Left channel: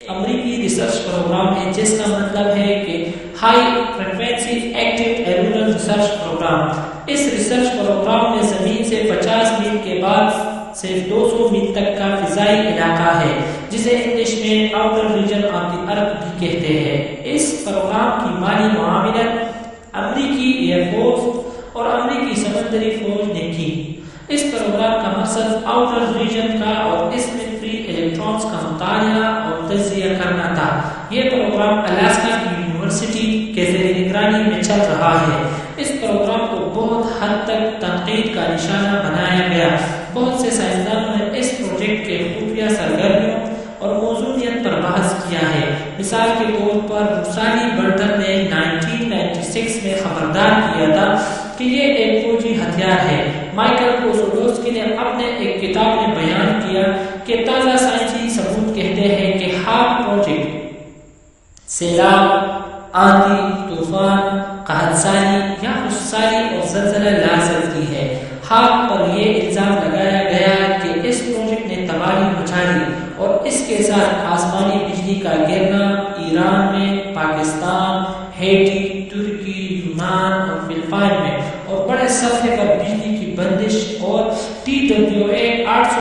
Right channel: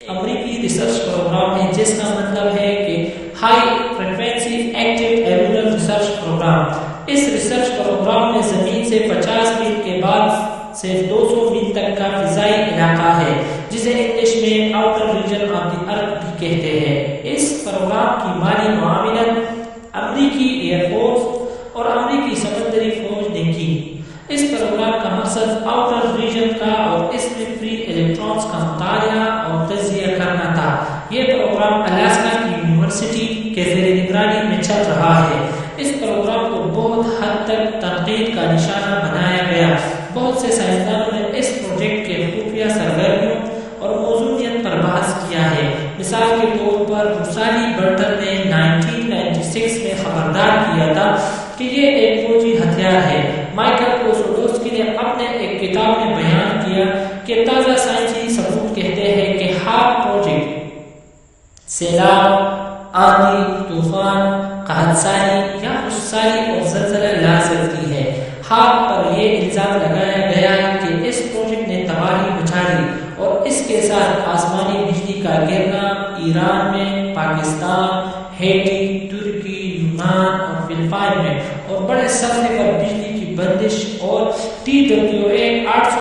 امریکی research programme ہے جس کا مطلب ہے کہ high frequency active auroral research program. اس ریسرچ پروگرام میں زمین سے 50 میل کے بعد سے 200 میل تک کا فضائی علاقہ ہے جسے انگلش میں آؤٹر ریجن آف دی ارتھ بھی کہتے ہیں۔ اس پروگرام کی مالی معاونت امریکی ایئر فورس اور امریکی سمندری فوج نے کی۔ اس پروگرام کا مقصد آؤٹر ریجن کا اور اس میں فری الیکٹرانز کا مطالعہ اور تجزیہ کرنا تھا۔ یہ پروگرام الاسکا کی یونیورسٹی کے زیر نگرانی میں چل رہا ہے۔ اس پروگرام کو بہت حد تک تنقید کا نشانہ بنایا گیا۔ بہت سے سائنسدانوں نے اس پروجیکٹ کے خفیہ سرگرمیوں اور موضوعیت پر بحث کیا ہے۔ مثال کے طور پر روسالی برٹن نے 1996 میں خبردار کیا تھا کہ یہ ایک فوجی ہتھیار ہے۔ مائیکل کوسوڈوسکی نے اپنے ایک کتاب میں بیان کیا کہ تازہ سائنسی ثبوت کہتے ہیں کہ ہاک پروجیکٹ سیلاب، آندھی، طوفان، قحط سالی یا خشک سالی اور زلزلہ لا سکتی ہے۔ ہاک پر یہ الزام لگایا گیا کہ اس پروجیکٹ نے تباہی مچا دی اور اس کے ساتھ آسمانی بجلی کا گرنا ایران میں، پاکستان، ہیٹی، ترکی، یونان اور فلپائن میں اور بڑے سطح پر بجلی کی بندش اور TWA 800